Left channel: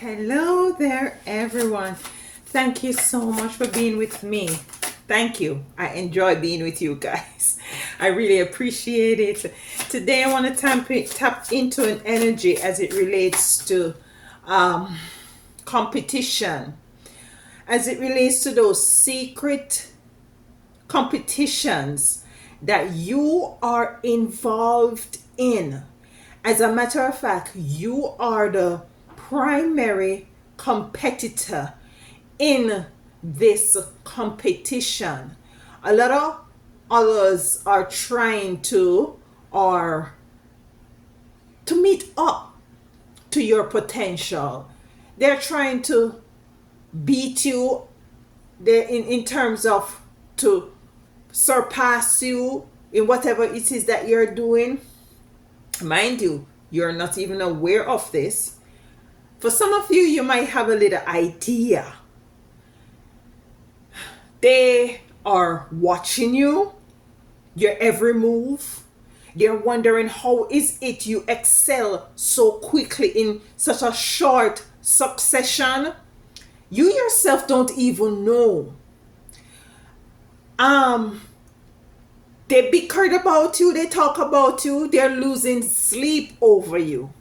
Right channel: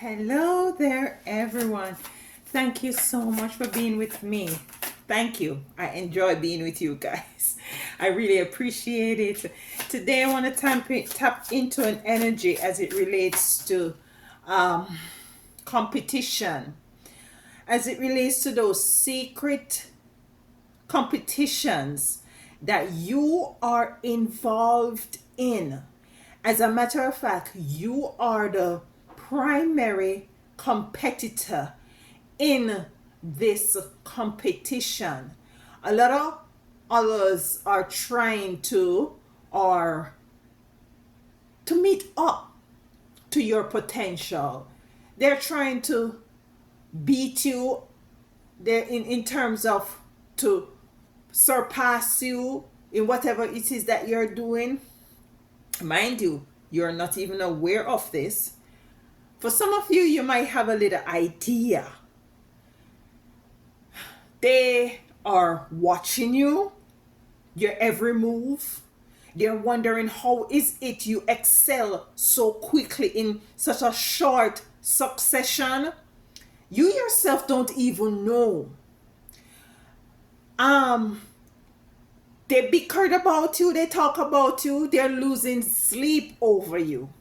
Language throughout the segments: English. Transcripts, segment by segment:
Hello there, everyone. Thank you so much for being with me. Thank you. I enjoy being with you guys. I really appreciate it. Today, I want to tap into an energy as it relates to um, competition, as it relates to those secret competitions that you are involved in. As a matter of fact, you are the primary competitor in this competition. A lot of others are trying to or to meet up to your potential. They're trying to beat you there in terms of to surpass you in whatever it is that you're doing. Mind you, you're not even aware of this. For some of you, you might have a little idea. They are watching you, your every move. They're wondering how is it you excel so quickly in such a short succession. You yourself don't even know. Um, they bickered about you, they talk about you, they're losing sleep over you.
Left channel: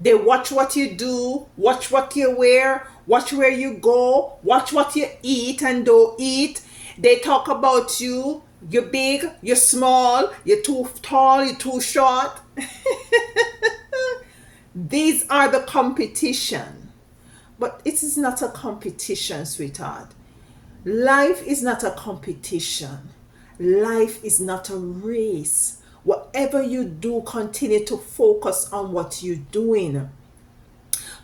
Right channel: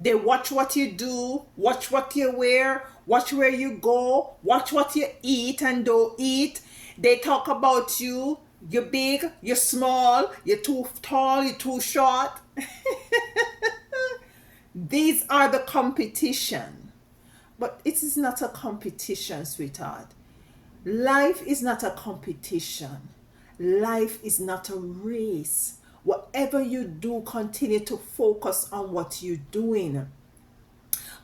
They watch what you do, watch what you wear, watch where you go, watch what you eat and don't eat. They talk about you. You're big, you're small, you're too tall, you're too short. These are the competition. But it is not a competition, sweetheart. Life is not a competition. Life is not a race. Whatever you do, continue to focus on what you're doing.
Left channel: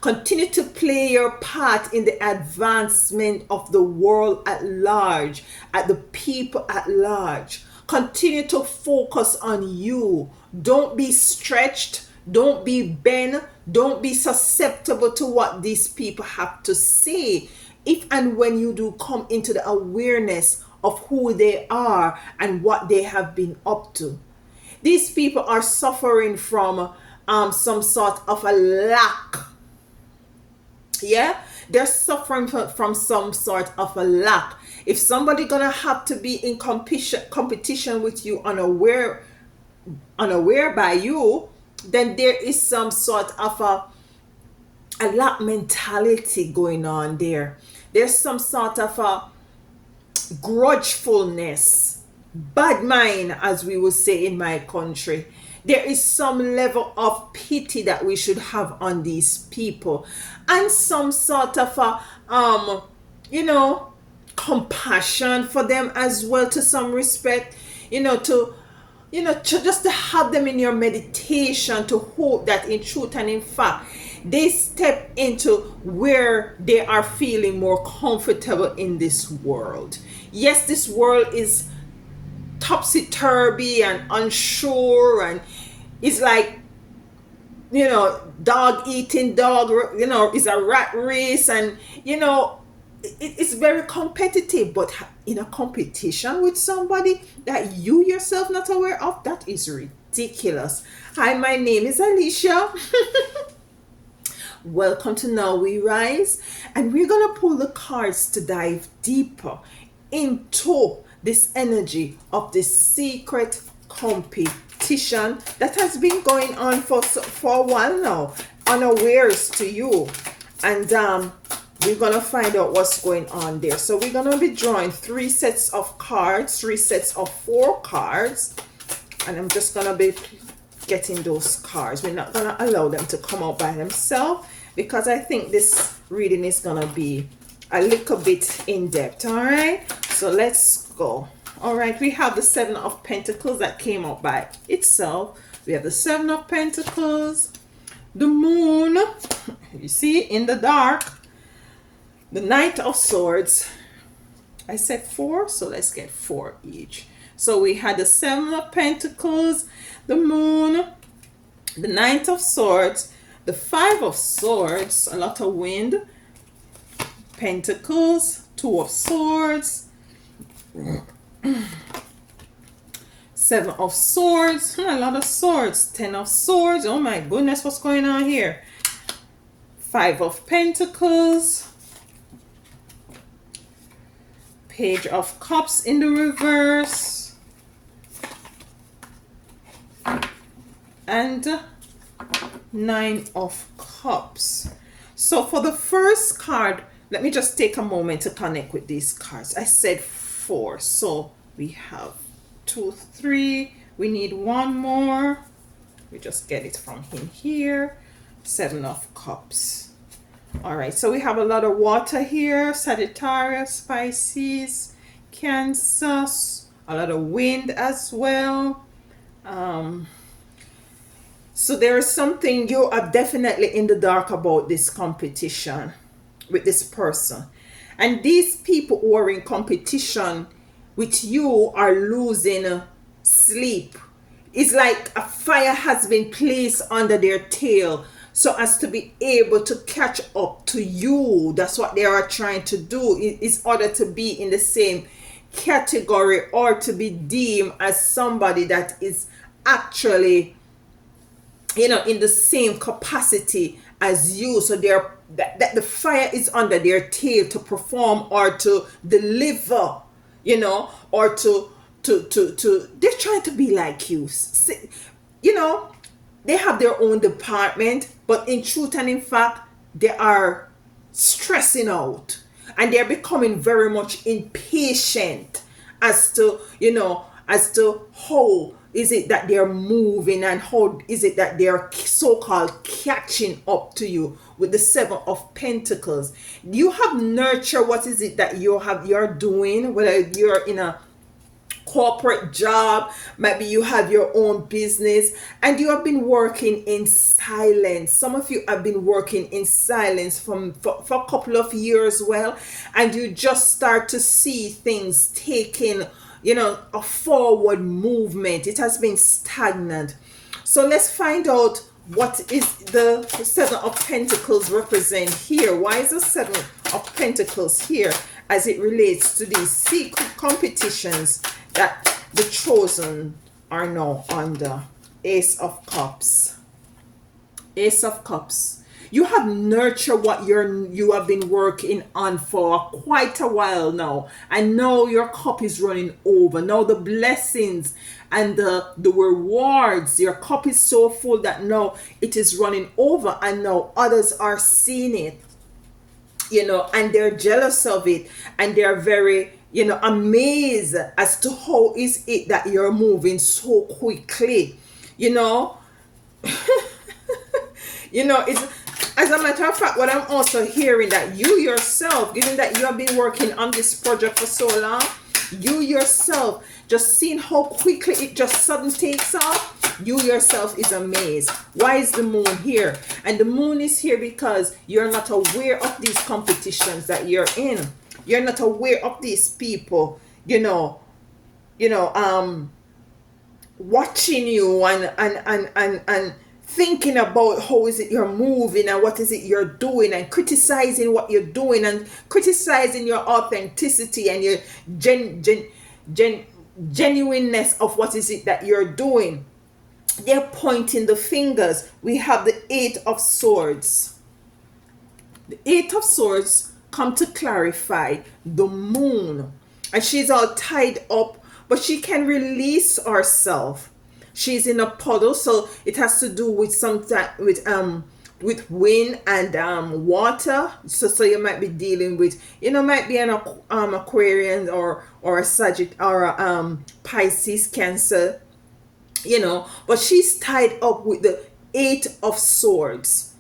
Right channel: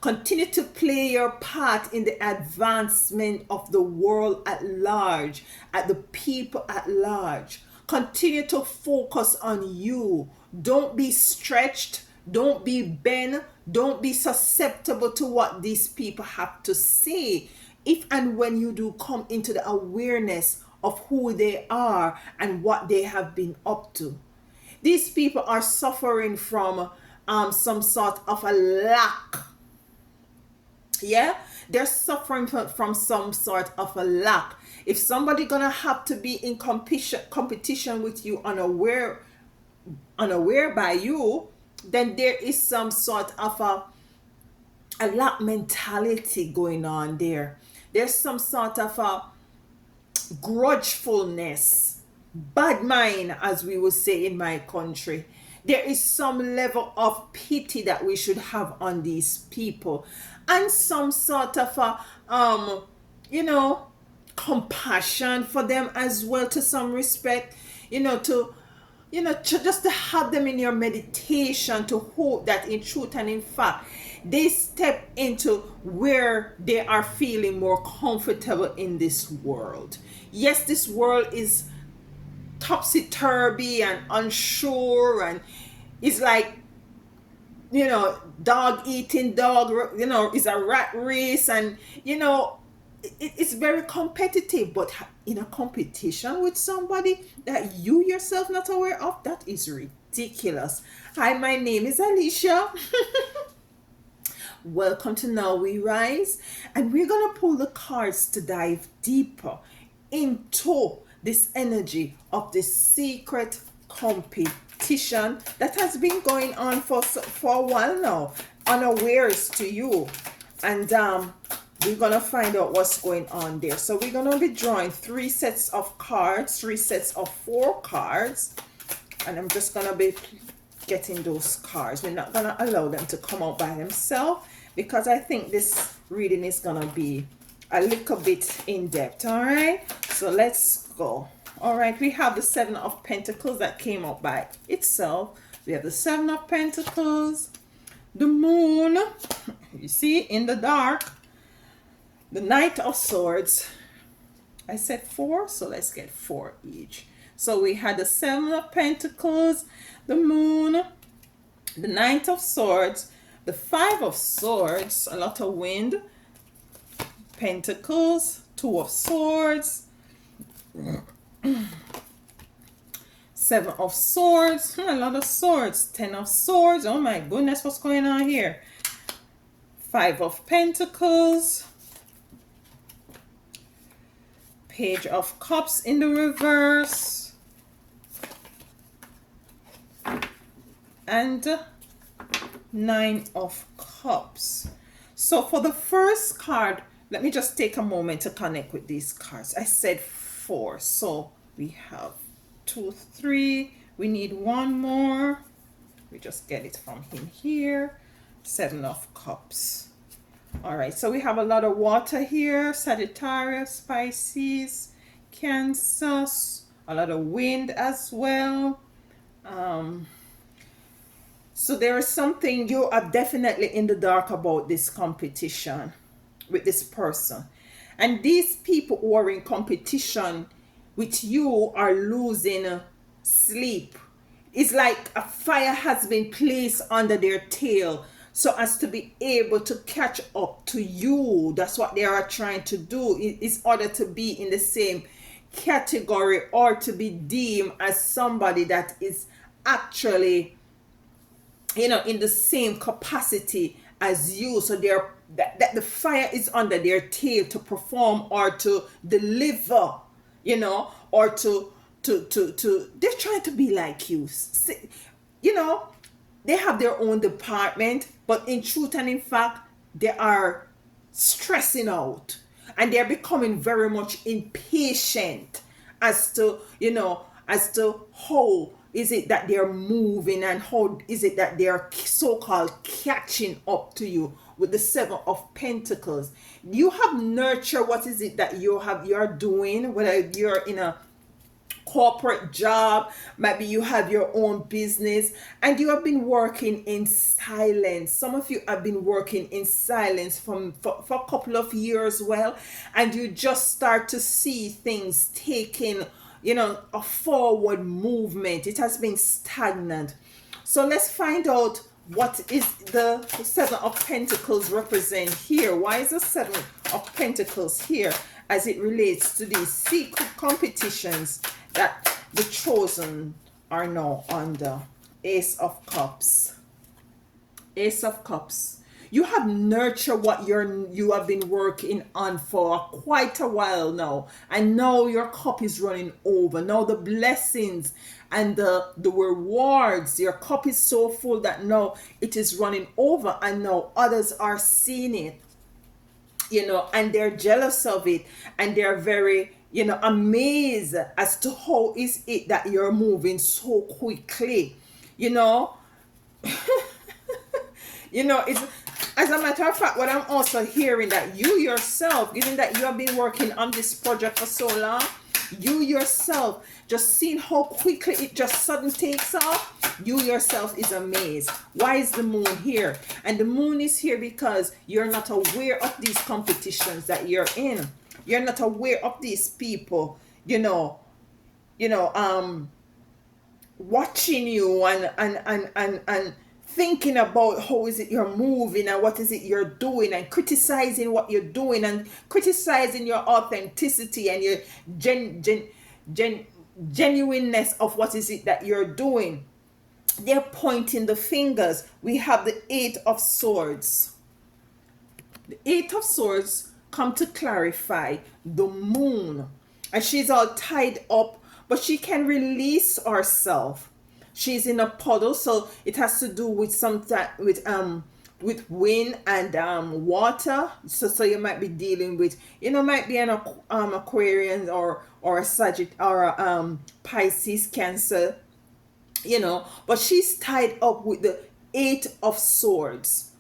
Continue to play your part in the advancement of the world at large, at the people at large. Continue to focus on you. Don't be stretched. Don't be bent. Don't be susceptible to what these people have to say. If and when you do come into the awareness of who they are and what they have been up to. These people are suffering from some sort of a lack. Yeah, they're suffering from some sort of a lack. If somebody gonna have to be in competition with you, unaware by you, then there is some sort of a lack mentality going on there. There's some sort of a grudgefulness, bad mind, as we would say in my country. There is some level of pity that we should have on these people, and some sort of a you know compassion for them as well, to some respect. To just to have them in your meditation, to hope that in truth and in fact they step into where they are feeling more comfortable in this world. Yes, this world is topsy-turvy and unsure, and it's like, dog eating dog, is a rat race, and it's very competitive. But in a competition with somebody that you yourself not aware of, that is ridiculous. Hi, my name is Alicia. Welcome to Now We Rise, and we're gonna pull the cards to dive deeper into this energy of this secret competition that has been going on for a while now, unawares to you. And we're gonna find out what's going on there. So we're gonna be drawing three sets of cards, three sets of 4 cards, and I'm just gonna be getting those cards. We're not gonna allow them to come out by themselves, because I think this reading is gonna be a little bit in depth. All right, so let's go. All right, we have the 7 of Pentacles that came out by itself. We have the 7 of Pentacles, the Moon, you see, in the dark, the Knight of Swords. I said 4, so let's get 4 each. So we had the 7 of Pentacles, the Moon, the Knight of Swords, the 5 of Swords, a lot of wind, Pentacles, 2 of Swords, 7 of Swords, a lot of swords, 10 of Swords. Oh my goodness, what's going on here? Five of Pentacles, Page of Cups in the reverse, and Nine of Cups. So for the first card, let me just take a moment to connect with these cards. I said four, so we have 2, 3. We need one more. We just get it from here. Seven of Cups. All right, so we have a lot of water here. Sagittarius, Pisces, Cancer, a lot of wind as well. So there is something you are definitely in the dark about this competition with this person. And these people who are in competition with you are losing sleep. It's like a fire has been placed under their tail so as to be able to catch up to you. That's what they are trying to do, in order to be in the same category or to be deemed as somebody that is actually, you know, in the same capacity as you. So they're that the fire is under their tail to perform or to deliver, you know, or to they're trying to be like you. You know, they have their own department, but in truth and in fact they are stressing out, and they're becoming very much impatient as to, you know, as to how is it that they're moving and how is it that they're so-called catching up to you with the Seven of Pentacles. You have nurtured what is it that you're doing, whether you're in a corporate job, maybe you have your own business, and you have been working in silence. Some of you have been working in silence for a couple of years, well, and you just start to see things taking, you know, a forward movement. It has been stagnant. So let's find out what is the Seven of Pentacles represent here. Why is the Seven of Pentacles here as it relates to these secret competitions that the chosen are now under? Ace of Cups. Ace of Cups. You have nurtured what you have been working on for quite a while now, and now your cup is running over. Now the blessings and the rewards, your cup is so full that now it is running over, and now others are seeing it, you know, and they're jealous of it, and they're very, you know, amazed as to how is it that you're moving so quickly, you know. You know, it's, as a matter of fact, what I'm also hearing, that you yourself, given that you have been working on this project for so long, you yourself just seeing how quickly it just suddenly takes off, you yourself is amazed. Why is the moon here? And the moon is here because you're not aware of these competitions that you're in. You're not aware of these people, you know, watching you and thinking about how is it you're moving and what is it you're doing, and criticizing what you're doing, and criticizing your authenticity and your genuineness of what is it that you're doing. They're pointing the fingers. We have the Eight of Swords. The Eight of Swords come to clarify the moon, and she's all tied up, but she can release herself. She's in a puddle, so it has to do with with wind and water. So you might be dealing with, you know, might be an Aquarian or a Sagittarius or a Pisces, Cancer, you know, but she's tied up with the Eight of Swords.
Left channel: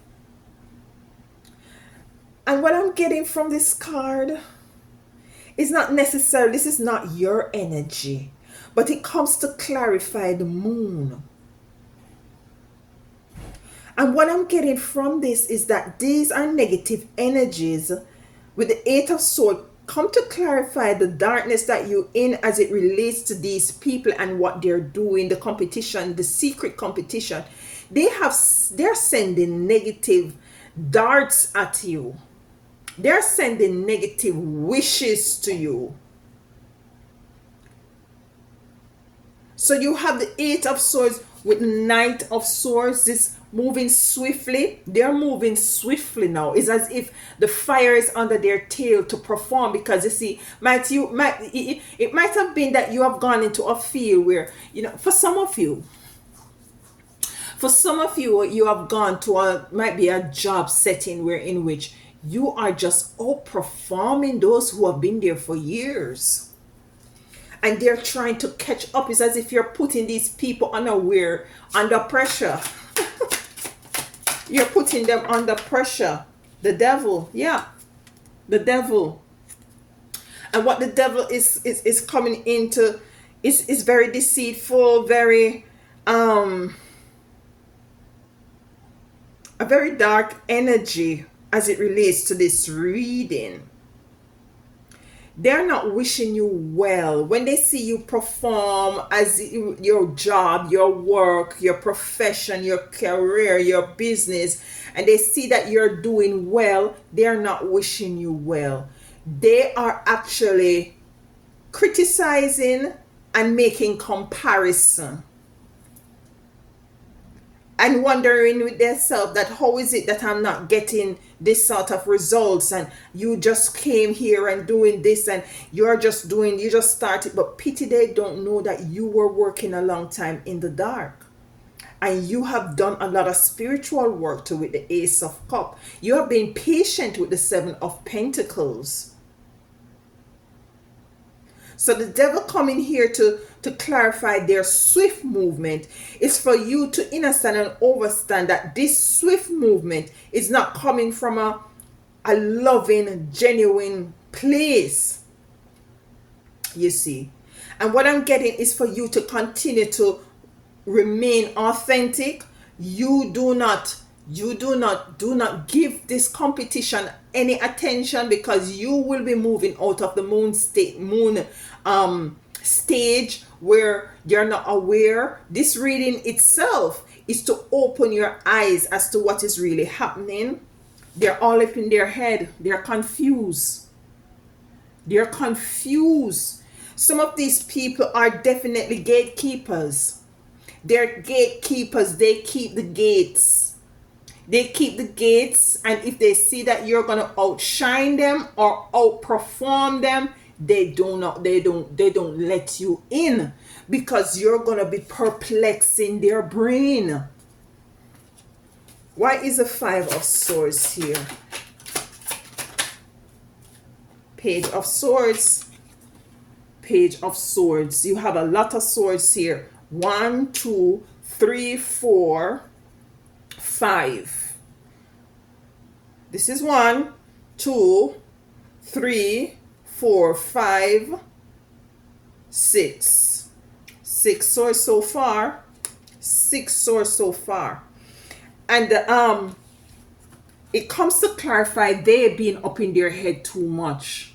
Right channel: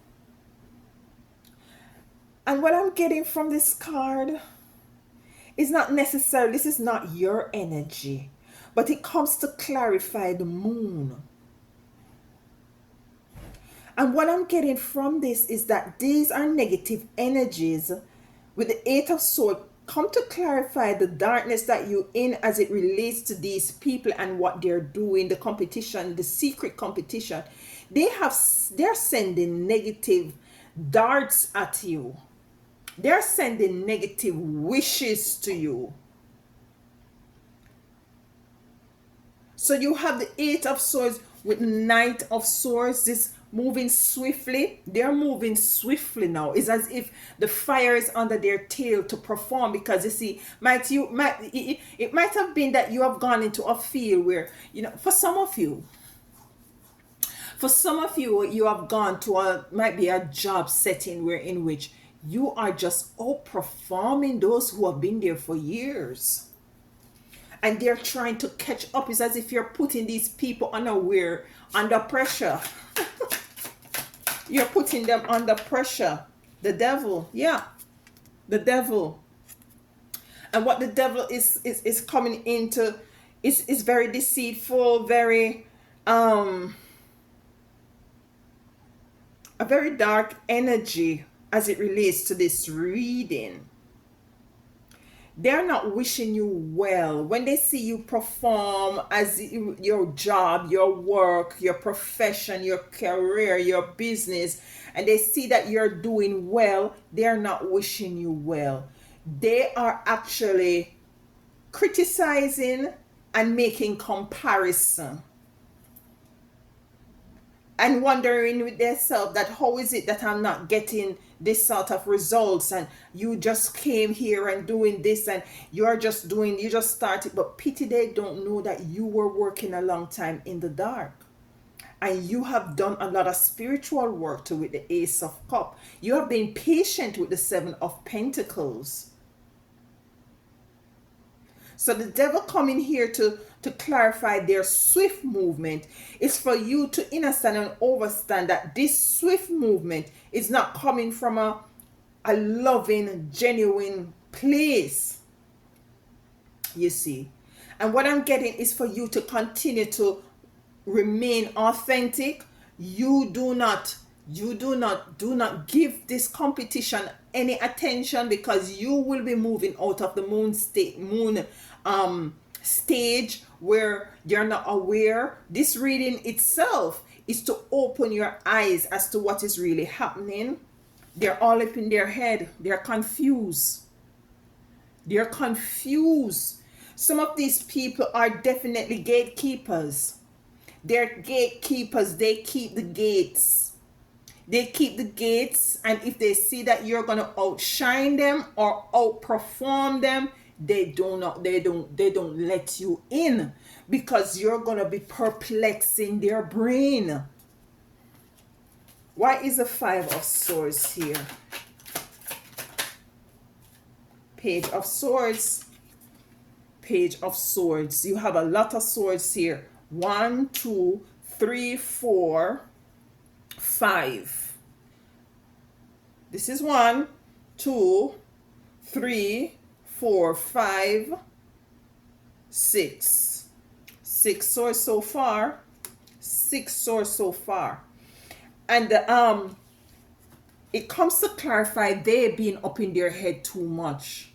And what I'm getting from this card is not necessarily, this is not your energy, but it comes to clarify the moon. And what I'm getting from this is that these are negative energies with the Eight of Swords come to clarify the darkness that you're in as it relates to these people and what they're doing, the competition, the secret competition. They're sending negative darts at you. They're sending negative wishes to you. So you have the Eight of Swords with Knight of Swords, this moving swiftly. They're moving swiftly now. It's as if the fire is under their tail to perform, because you see, it might have been that you have gone into a field where, for some of you, you have gone to a might be a job setting where in which you are just outperforming those who have been there for years, and they're trying to catch up. It's as if you're putting these people unaware under pressure. You're putting them under pressure. The devil, yeah, the devil. And what the devil is coming into is very deceitful, very a very dark energy as it relates to this reading. They're not wishing you well when they see you perform as your job, your work, your profession, your career, your business, and they see that you're doing well. They're not wishing you well. They are actually criticizing and making comparison, and wondering with themselves that how is it that I'm not getting this sort of results, and you just came here and doing this, and you just started. But pity they don't know that you were working a long time in the dark, and you have done a lot of spiritual work to with the Ace of Cup. You have been patient with the Seven of Pentacles. So the devil coming here to clarify their swift movement is for you to understand and understand that this swift movement is not coming from a loving, genuine place. You see. And what I'm getting is for you to continue to remain authentic. Do not give this competition any attention, because you will be moving out of the moon stage where you're not aware. This reading itself is to open your eyes as to what is really happening. They're all up in their head. They're confused. Some of these people are definitely gatekeepers. They're gatekeepers. They keep the gates. And if they see that you're going to outshine them or outperform them, they don't let you in, because you're going to be perplexing their brain. Why is the Five of Swords here? Page of Swords. You have a lot of swords here. 1, 2, 3, 4, 5. This is 1, 2, 3, 4, 5, 6. 6 swords so far. And it comes to clarify they being up in their head too much.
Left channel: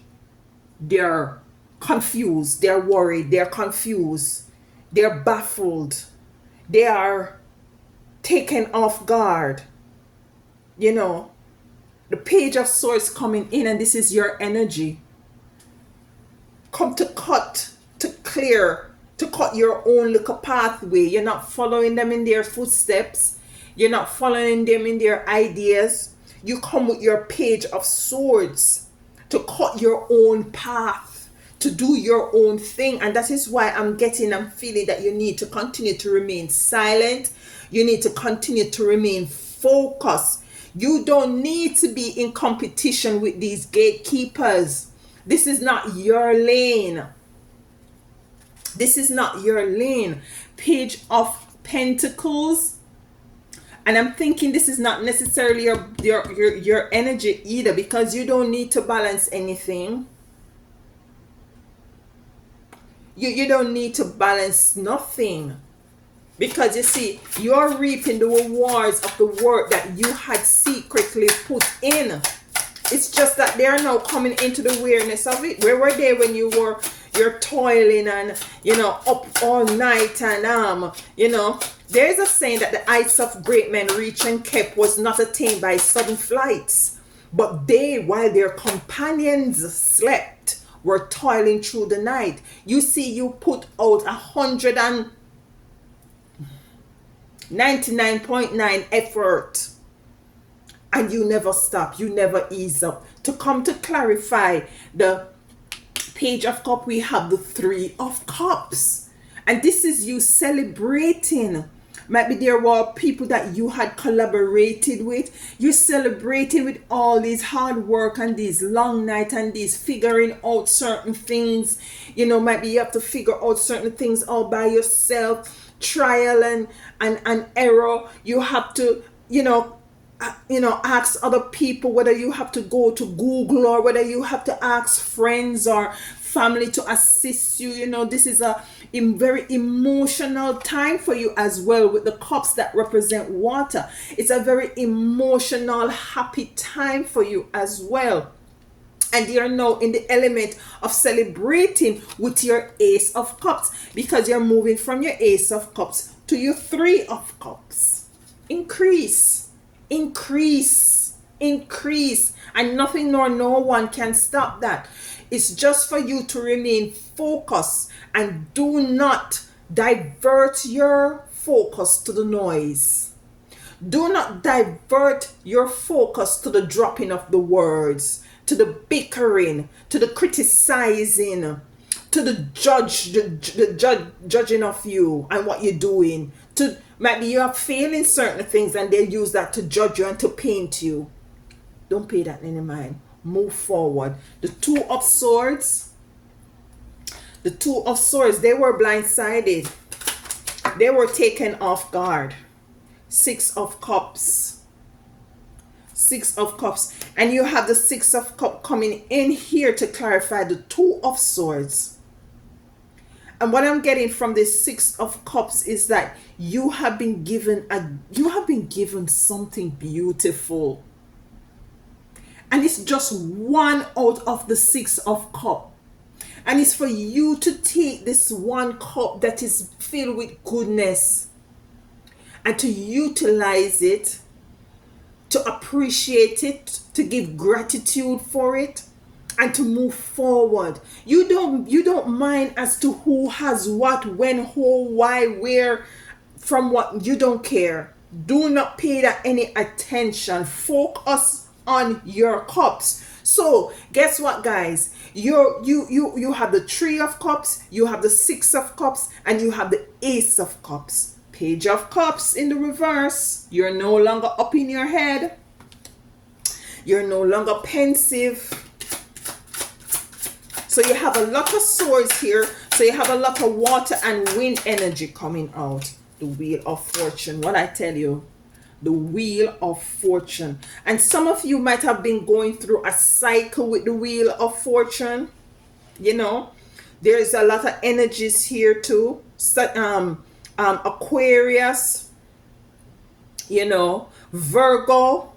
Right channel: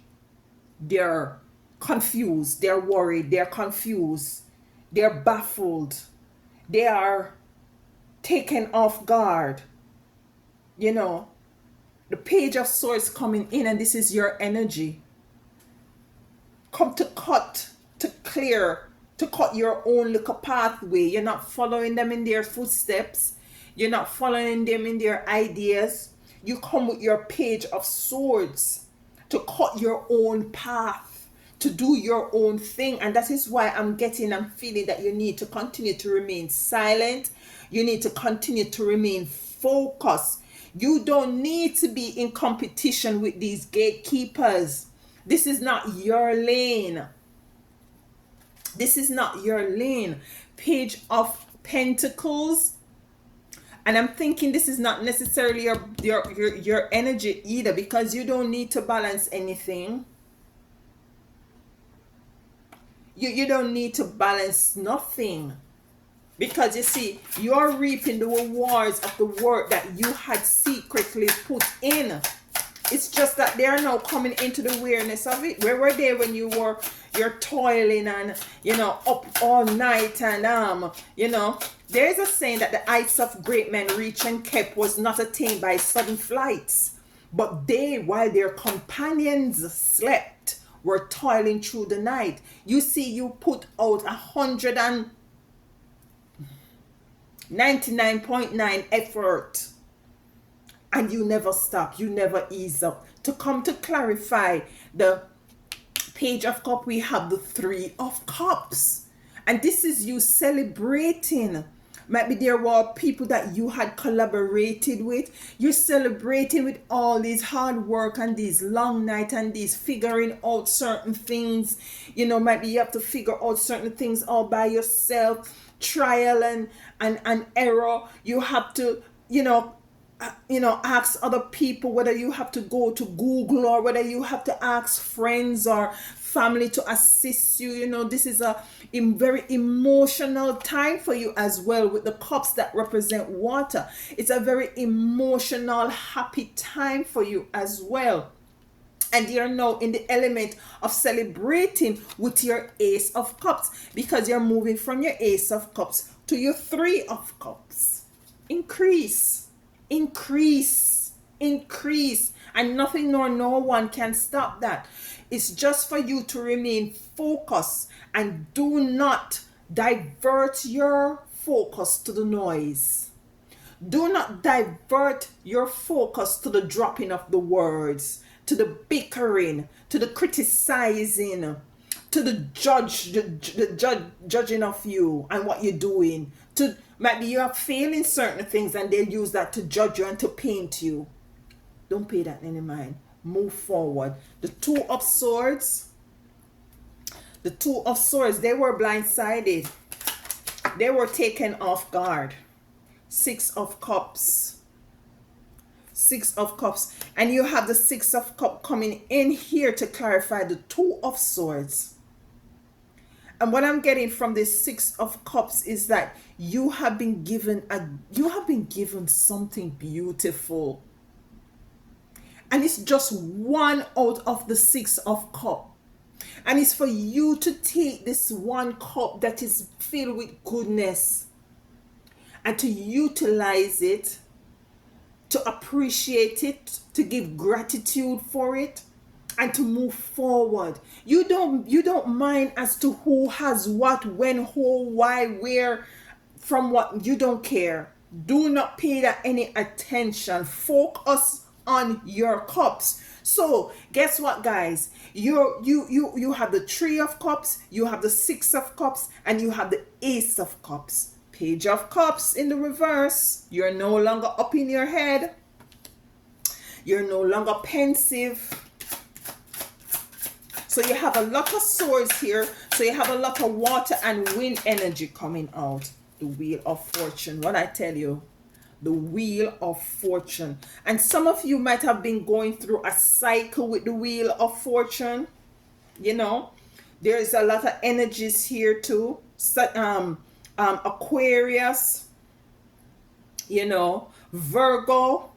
They're confused, they're worried, they're confused, they're baffled, they are taken off guard. The Page of Swords coming in, and this is your energy. Come to cut your own little pathway. You're not following them in their footsteps. You're not following them in their ideas. You come with your Page of Swords to cut your own path, to do your own thing. And that is why I'm feeling that you need to continue to remain silent. You need to continue to remain focused. You don't need to be in competition with these gatekeepers. This is not your lane. Page of Pentacles. And I'm thinking this is not necessarily your energy either, because you don't need to balance anything. You don't need to balance nothing, because you see, you're reaping the rewards of the work that you had secretly put in. It's just that they are now coming into the awareness of it. Where were they when you're toiling and up all night, and there's a saying that the heights of great men reach and kept was not attained by sudden flights, but they, while their companions slept, were toiling through the night. You see, you put out 99.9 effort, and you never stop, you never ease up. To come to clarify the Page of Cup, we have the Three of Cups, and this is you celebrating. Maybe there were people that you had collaborated with. You're celebrating with all these hard work and these long nights and these figuring out certain things. Maybe you have to figure out certain things all by yourself. Trial and error. You have to, ask other people, whether you have to go to Google or whether you have to ask friends or family to assist you. This is a very emotional time for you as well, with the cups that represent water. It's a very emotional, happy time for you as well. And you're now in the element of celebrating with your Ace of Cups, because you're moving from your Ace of Cups to your Three of Cups. Increase, increase, increase, and nothing nor no one can stop that. It's just for you to remain focused and do not divert your focus to the noise. Do not divert your focus to the dropping of the words, to the bickering, to the criticizing, to the judging of you and what you're doing. To maybe you are failing certain things and they use that to judge you and to paint you. Don't pay that any mind. Move forward. The Two of Swords. The Two of Swords, they were blindsided. They were taken off guard. Six of Cups. Six of Cups. And you have the Six of Cups coming in here to clarify the Two of Swords. And what I'm getting from this Six of Cups is that you have been given something beautiful. And it's just one out of the Six of Cups. And it's for you to take this one cup that is filled with goodness and to utilize it, to appreciate it, to give gratitude for it, and to move forward. You don't mind as to who has what, when, who, why, where, from what. You don't care. Do not pay that any attention. Focus on your cups. So guess what, guys? You have the Three of Cups, you have the Six of Cups, and you have the Ace of Cups. Page of Cups in the reverse. You're no longer up in your head. You're no longer pensive. So you have a lot of swords here. So you have a lot of water and wind energy coming out. The Wheel of Fortune. What I tell you. The Wheel of Fortune. And some of you might have been going through a cycle with the Wheel of Fortune. There's a lot of energies here too. Aquarius, Virgo.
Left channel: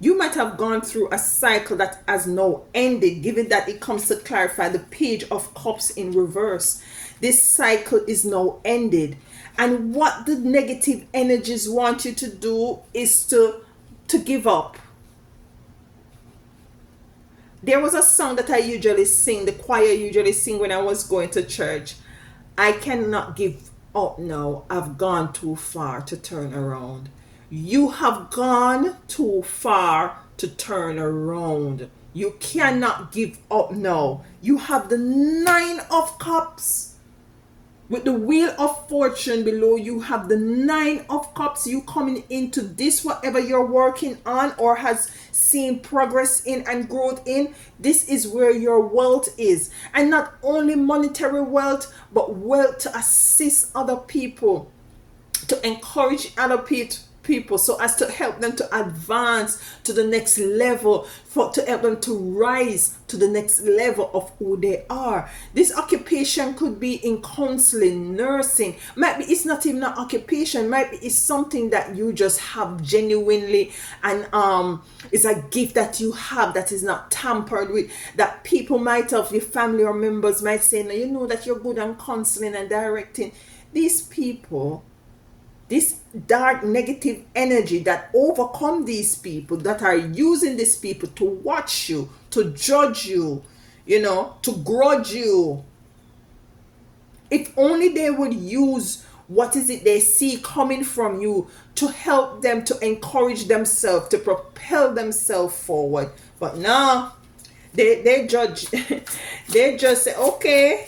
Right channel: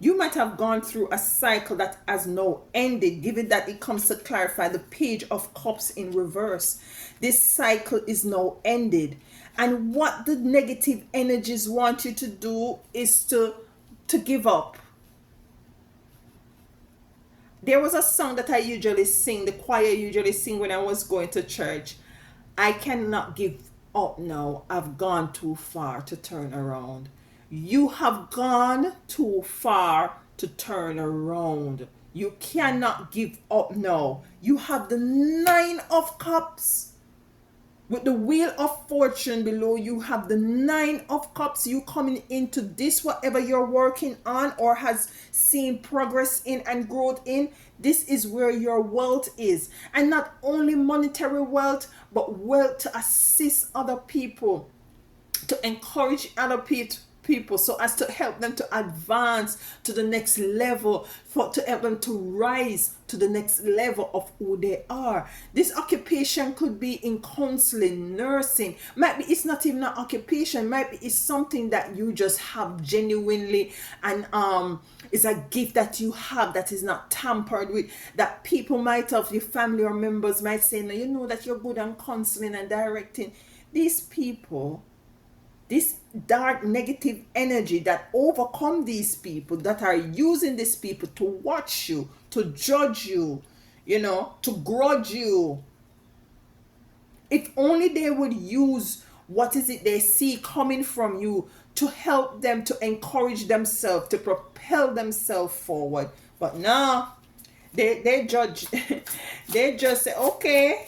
You might have gone through a cycle that has now ended, given that it comes to clarify the Page of Cups in reverse. This cycle is now ended. And what the negative energies want you to do is to give up. There was a song that I usually sing, the choir usually sing when I was going to church. I cannot give up now. I've gone too far to turn around. You have gone too far to turn around. You cannot give up now. You have the Nine of Cups. With the Wheel of Fortune below, you have the Nine of Cups. You coming into this, whatever you're working on or has seen progress in and growth in, this is where your wealth is. And not only monetary wealth, but wealth to assist other people, to encourage other people so as to help them to advance to the next level, to help them to rise to the next level of who they are. This occupation could be in counseling, nursing. Maybe it's not even an occupation. Maybe it's something that you just have genuinely, and it's a gift that you have that is not tampered with, that people might have, your family or members might say, no, you know that you're good on counseling and directing. These people, this dark negative energy that overcome these people, that are using these people to watch you, to judge you, to grudge you, If only they would use what is it they see coming from you to help them to encourage themselves, to propel themselves forward. But no, they judge. They just say, okay,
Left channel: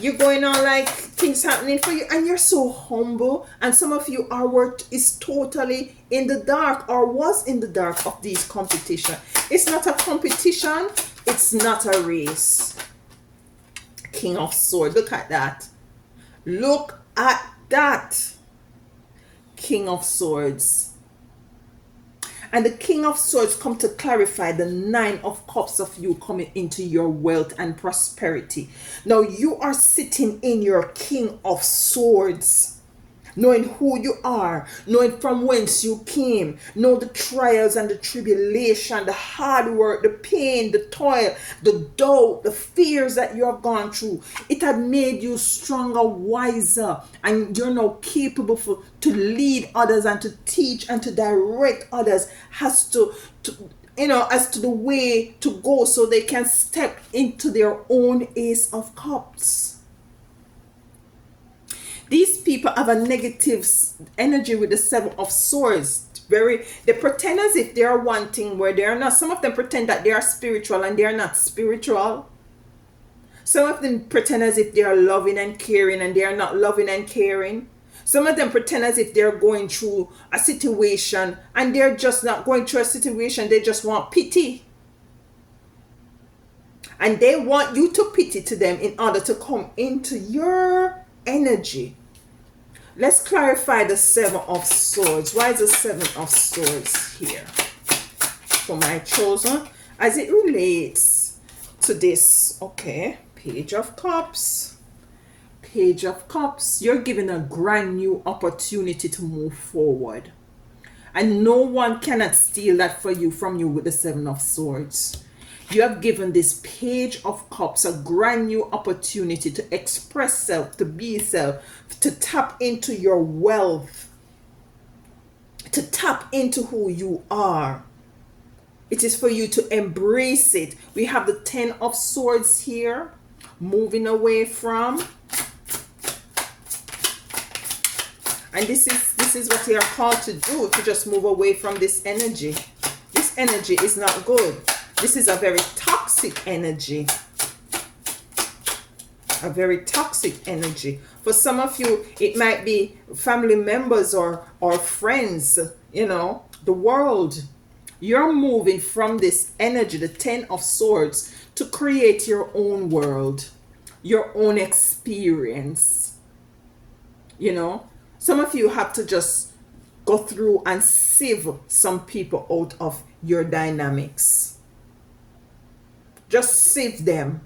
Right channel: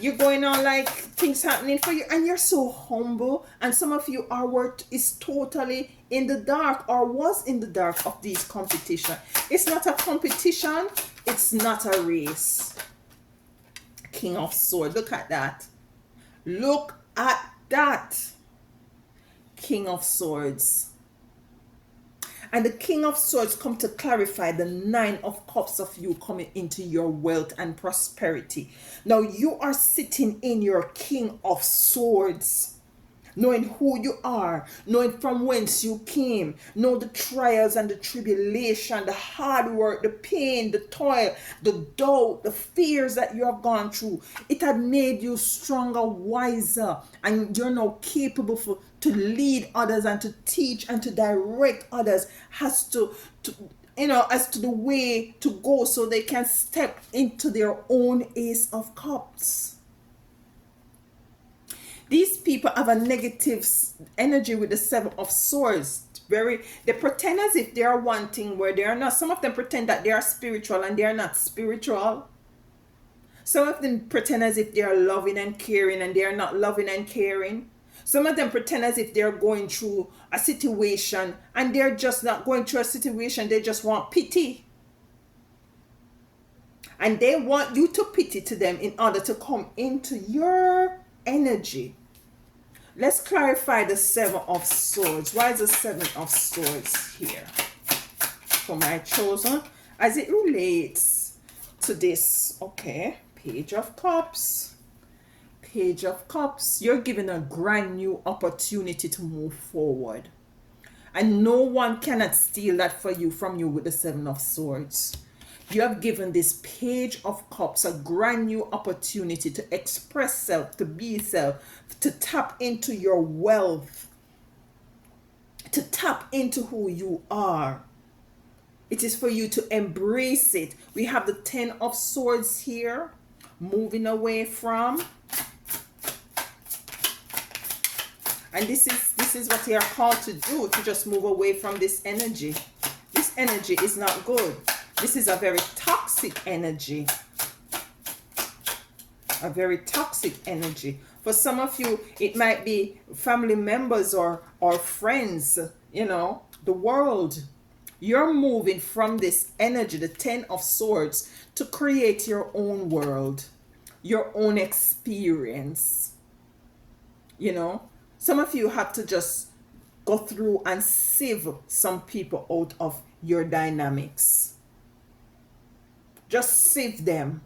you're going on like things happening for you, and you're so humble. And some of you, our work is totally in the dark, or was in the dark of these competition. It's not a competition, it's not a race. King of Swords, look at that. Look at that. King of Swords. And the King of Swords come to clarify the Nine of Cups of you coming into your wealth and prosperity. Now you are sitting in your King of Swords, knowing who you are, knowing from whence you came, know the trials and the tribulation, the hard work, the pain, the toil, the doubt, the fears that you have gone through. It had made you stronger, wiser, and you're now capable to lead others and to teach and to direct others as to as to the way to go, so they can step into their own Ace of Cups. These people have a negative energy with the Seven of Swords. They pretend as if they are one thing where they are not. Some of them pretend that they are spiritual and they are not spiritual. Some of them pretend as if they are loving and caring and they are not loving and caring. Some of them pretend as if they're going through a situation and they're just not going through a situation. They just want pity. And they want you to pity to them in order to come into your energy. Let's clarify the Seven of Swords. Why is the Seven of Swords here for my chosen as it relates to this? Okay, Page of Cups. Page of Cups. You're given a brand new opportunity to move forward, and no one cannot steal that from you with the Seven of Swords. You have given this Page of Cups a brand new opportunity to express self, to be self, to tap into your wealth, to tap into who you are. It is for you to embrace it. We have the Ten of Swords here, moving away from. And this is what you are called to do, to just move away from this energy. This energy is not good. This is a very toxic energy. A very toxic energy. For some of you, it might be family members or friends, the world. You're moving from this energy, the Ten of Swords, to create your own world, your own experience. Some of you have to just go through and sieve some people out of your dynamics. Just sieve them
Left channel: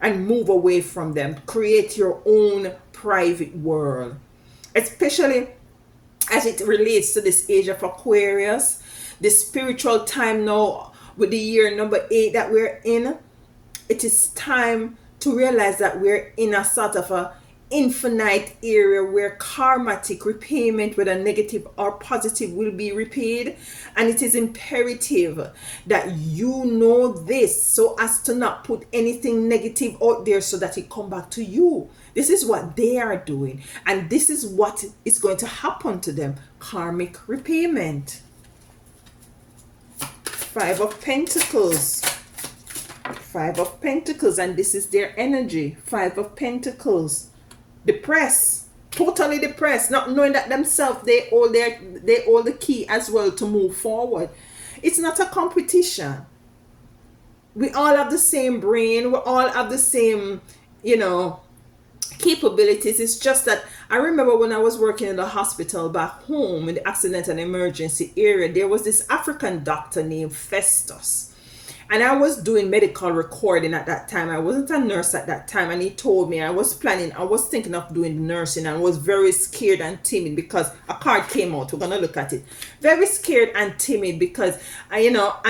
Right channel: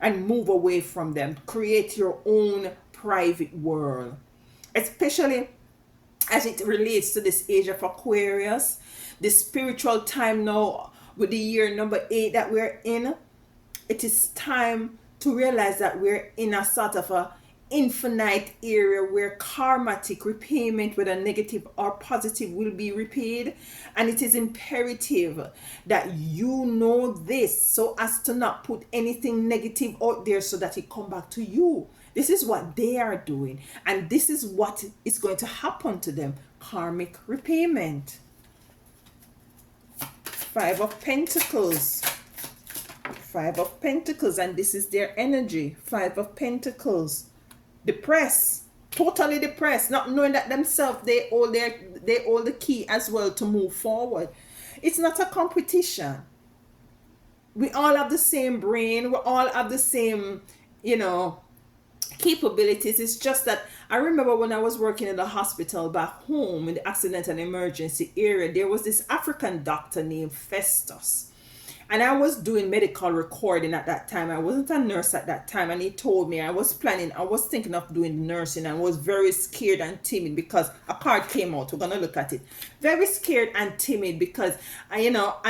and move away from them. Create your own private world. Especially as it relates to this age of Aquarius, the spiritual time now with the year number 8 that we're in. It is time to realize that we're in a sort of a infinite area where karmatic repayment, whether negative or positive, will be repaid. And it is imperative that you know this, so as to not put anything negative out there so that it come back to you. This is what they are doing, and this is what is going to happen to them. Karmic repayment. Five of Pentacles. Five of Pentacles, and this is their energy. Five of Pentacles. Depressed, totally depressed, not knowing that themselves they hold the key as well to move forward. It's not a competition. We all have the same brain, we all have the same capabilities. It's just that I remember when I was working in the hospital back home in the accident and emergency area, there was this African doctor named Festus. And I was doing medical recording at that time. I wasn't a nurse at that time. And he told me, I was thinking of doing nursing. And I was very scared and timid because a card came out. We're going to look at it. Very scared and timid because, I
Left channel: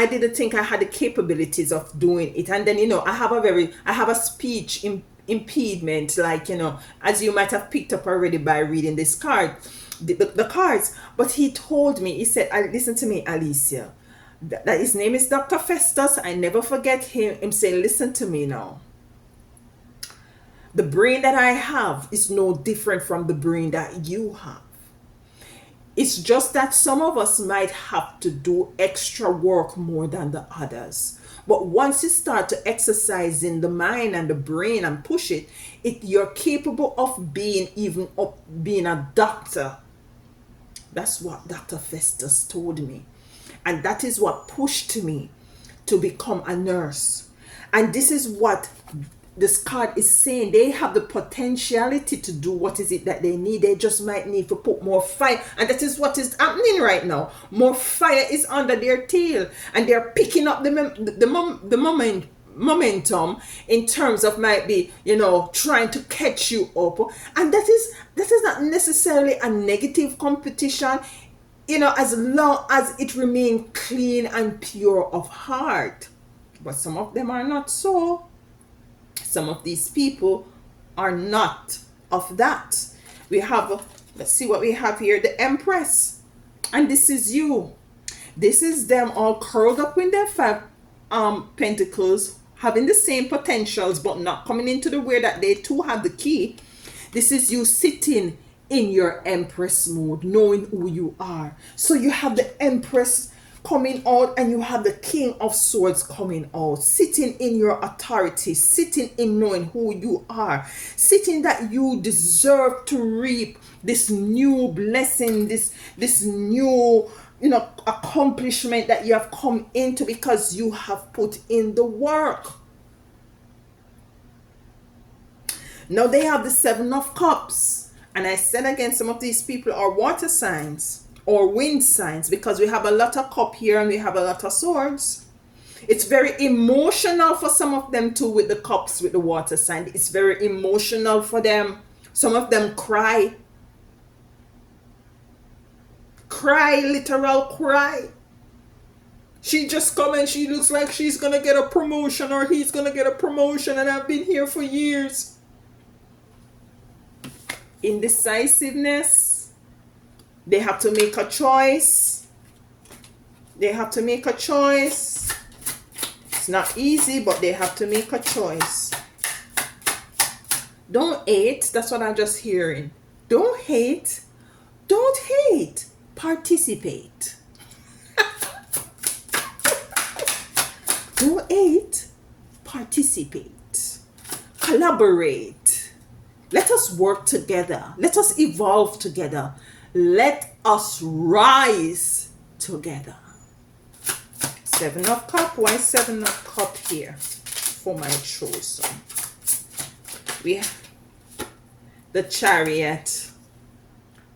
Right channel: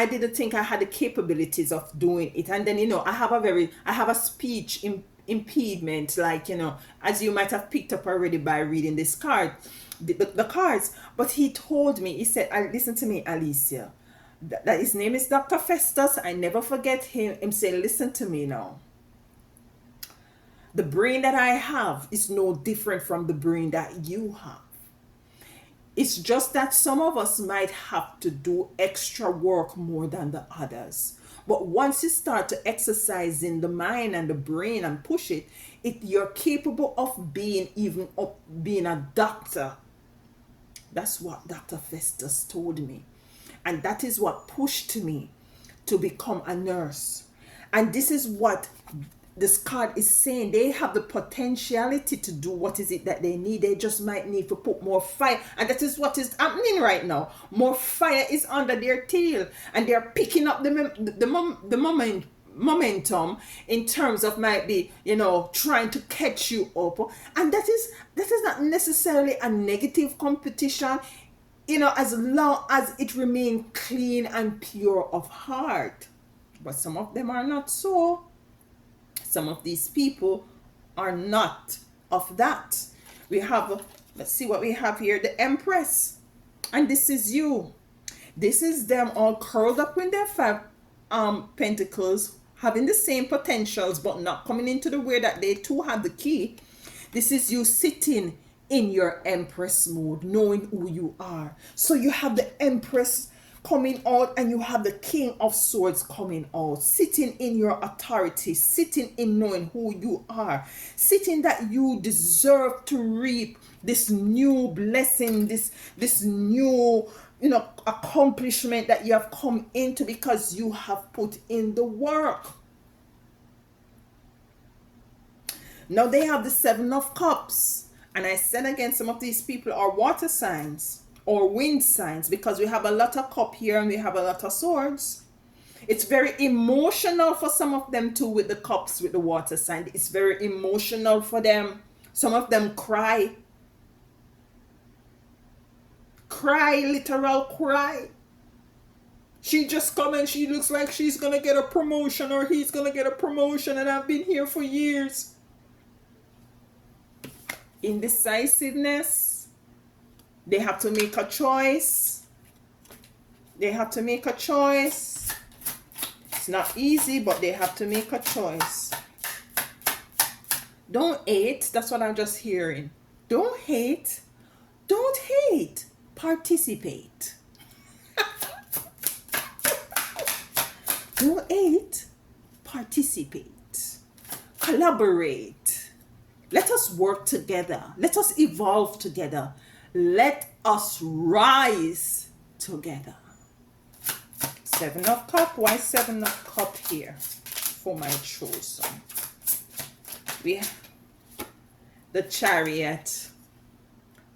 didn't think I had the capabilities of doing it. And then, I have a speech impediment, as you might have picked up already by reading this card, the cards. But he told me, he said, listen to me, Alicia. That his name is Dr. Festus. I never forget him saying, listen to me now. The brain that I have is no different from the brain that you have. It's just that some of us might have to do extra work more than the others. But once you start to exercise in the mind and the brain and push it, you're capable of being a doctor. That's what Dr. Festus told me. And that is what pushed me to become a nurse. And this is what this card is saying. They have the potentiality to do what is it that they need. They just might need to put more fire. And that is what is happening right now. More fire is under their tail. And they're picking up the momentum in terms of might be, trying to catch you up. And that is not necessarily a negative competition, as long as it remains clean and pure of heart. But some of them are not so. Some of these people are not of that. We have, let's see what we have here, the Empress. And this is you. This is them all curled up in their five pentacles, having the same potentials, but not coming into the way that they too have the key. This is you sitting in your Empress mode, knowing who you are. So you have the Empress coming out and you have the King of Swords coming out, sitting in your authority, sitting in knowing who you are, sitting that you deserve to reap this new blessing, this new accomplishment that you have come into because you have put in the work. Now they have the Seven of Cups. And I said again, some of these people are water signs or wind signs, because we have a lot of cup here and we have a lot of swords. It's very emotional for some of them too, with the cups, with the water sign. It's very emotional for them. Some of them cry. Literal cry. She just come and she looks like she's gonna get a promotion or he's gonna get a promotion, and I've been here for years. Indecisiveness. They have to make a choice. They have to make a choice. It's not easy, but they have to make a choice. Don't hate. That's what I'm just hearing. Don't hate. Don't hate. Participate. Don't hate. Participate. Collaborate. Let us work together. Let us evolve together. Let us rise together. Seven of Cups. Why Seven of Cups here for my chosen? We have the Chariot.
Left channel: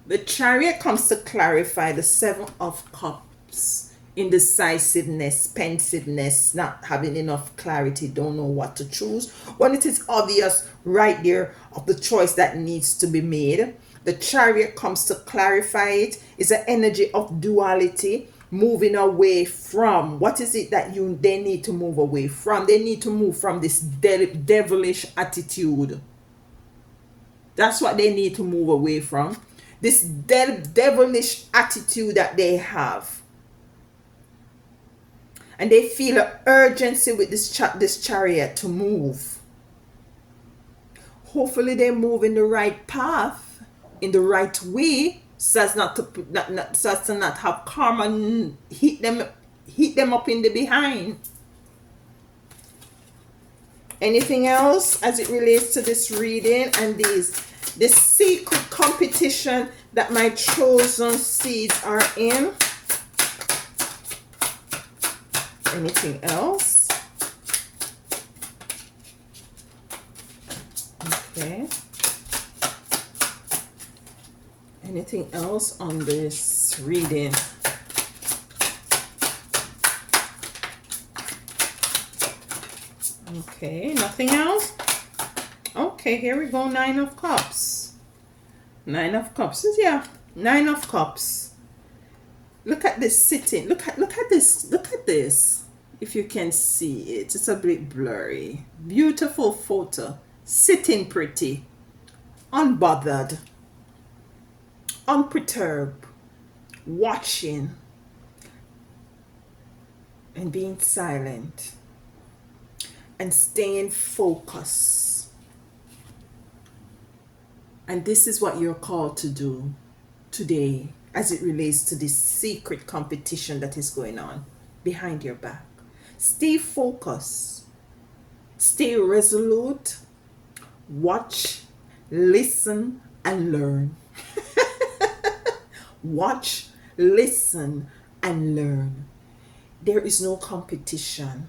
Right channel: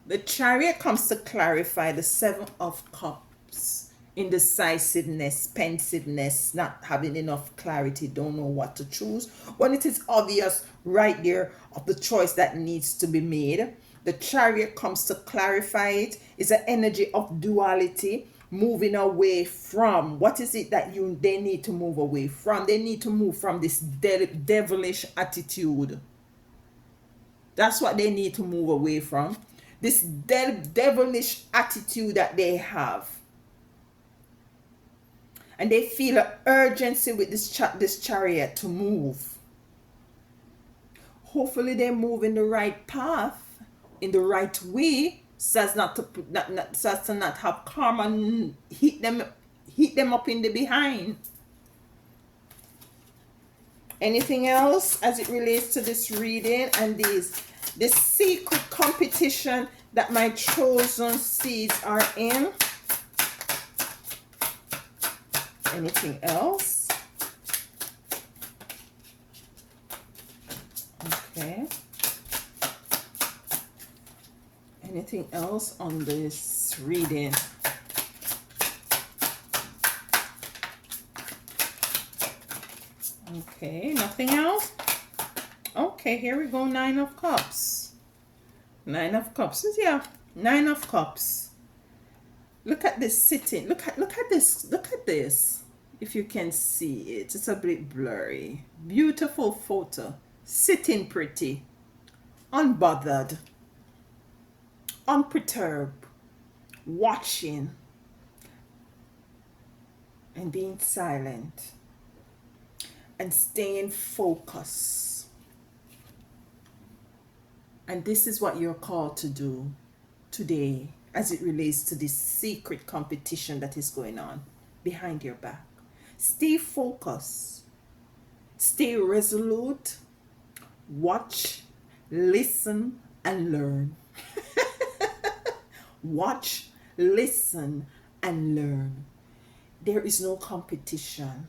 The Chariot comes to clarify the Seven of Cups. Indecisiveness, pensiveness, not having enough clarity, don't know what to choose. When it is obvious right there of the choice that needs to be made, the Chariot comes to clarify it. It's an energy of duality, moving away from what is it that they need to move away from. They need to move from this devilish attitude. That's what they need to move away from. This devilish attitude that they have. And they feel an urgency with this Chariot to move. Hopefully they move in the right path, in the right way, so as to not have karma hit them up in the behind. Anything else as it relates to this reading and this secret competition that my chosen seeds are in? Anything else? Okay. Anything else on this reading? Okay, nothing else? Okay, here we go. Nine of Cups. Nine of Cups. Yeah, Nine of Cups. Look at this sitting. Look at this. Look at this. If you can see it, it's a bit blurry. Beautiful photo. Sitting pretty. Unbothered. Unperturbed. Watching. And being silent. And staying focused. And this is what you're called to do today as it relates to this secret competition that is going on behind your back. Stay focused, stay resolute, watch, listen, and learn. Watch, listen, and learn. There is no competition.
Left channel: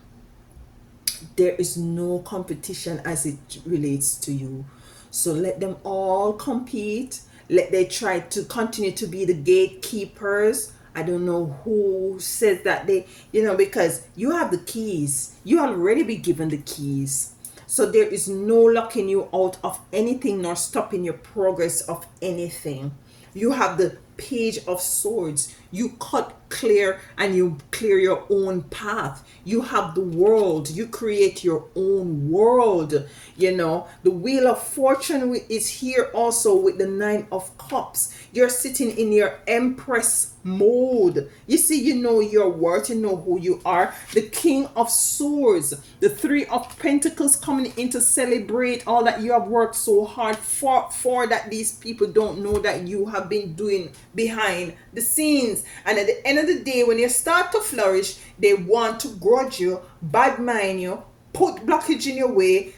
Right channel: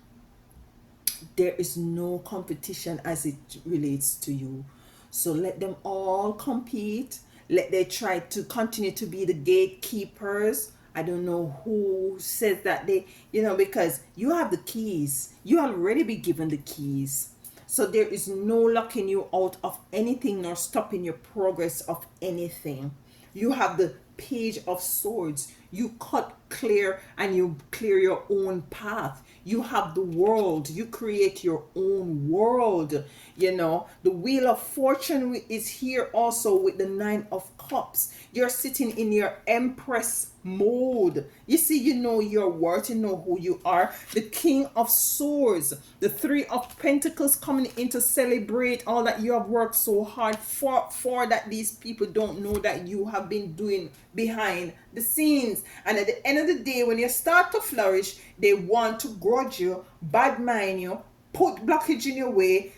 There is no competition as it relates to you. So let them all compete. Let they try to continue to be the gatekeepers. I don't know who says that because you have the keys. You already be given the keys. So there is no locking you out of anything nor stopping your progress of anything. You have the page of swords. You cut clear and you clear your own path. You have the world. You create your own world. The wheel of fortune is here also with the 9 of cups. You're sitting in your empress mode. You see, you know your worth, you know who you are. The king of swords, the 3 of pentacles coming in to celebrate all that you have worked so hard for that these people don't know that you have been doing behind the scenes. And at the end of the day, when you start to flourish, they want to grudge you, bad mind you, put blockage in your way,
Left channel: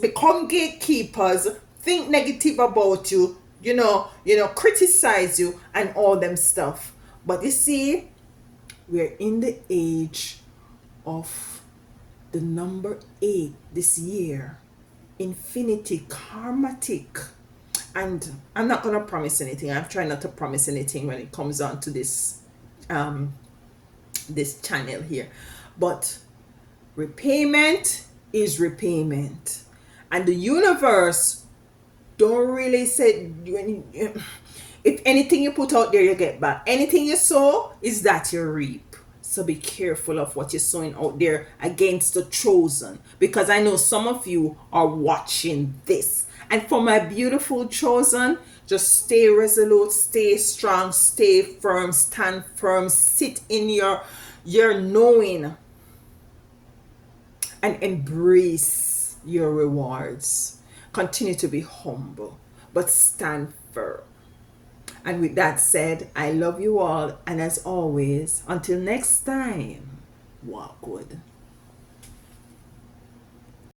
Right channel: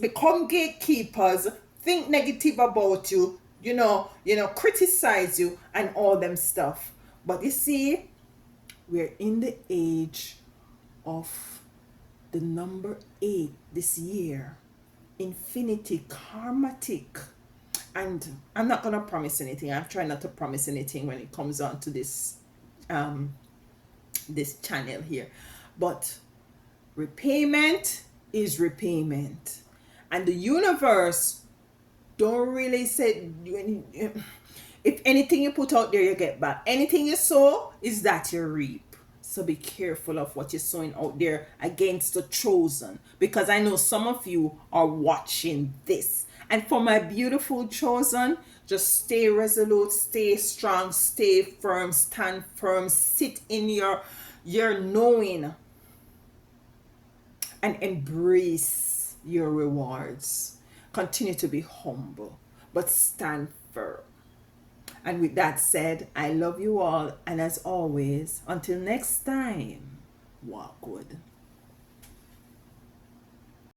become gatekeepers, think negative about you, criticize you and all them stuff. But you see, we're in the age of the number 8 this year. Infinity karmatic. And I'm not gonna promise anything. I'm trying not to promise anything when it comes on to this channel here. But repayment is repayment. And the universe don't really say, if anything you put out there you get back. Anything you sow is that you reap. So be careful of what you're sowing out there against the chosen, because I know some of you are watching this. And for my beautiful chosen, just stay resolute, stay strong, stay firm, stand firm, sit in your knowing, and embrace your rewards. Continue to be humble, but stand firm. And with that said, I love you all. And as always, until next time, walk good.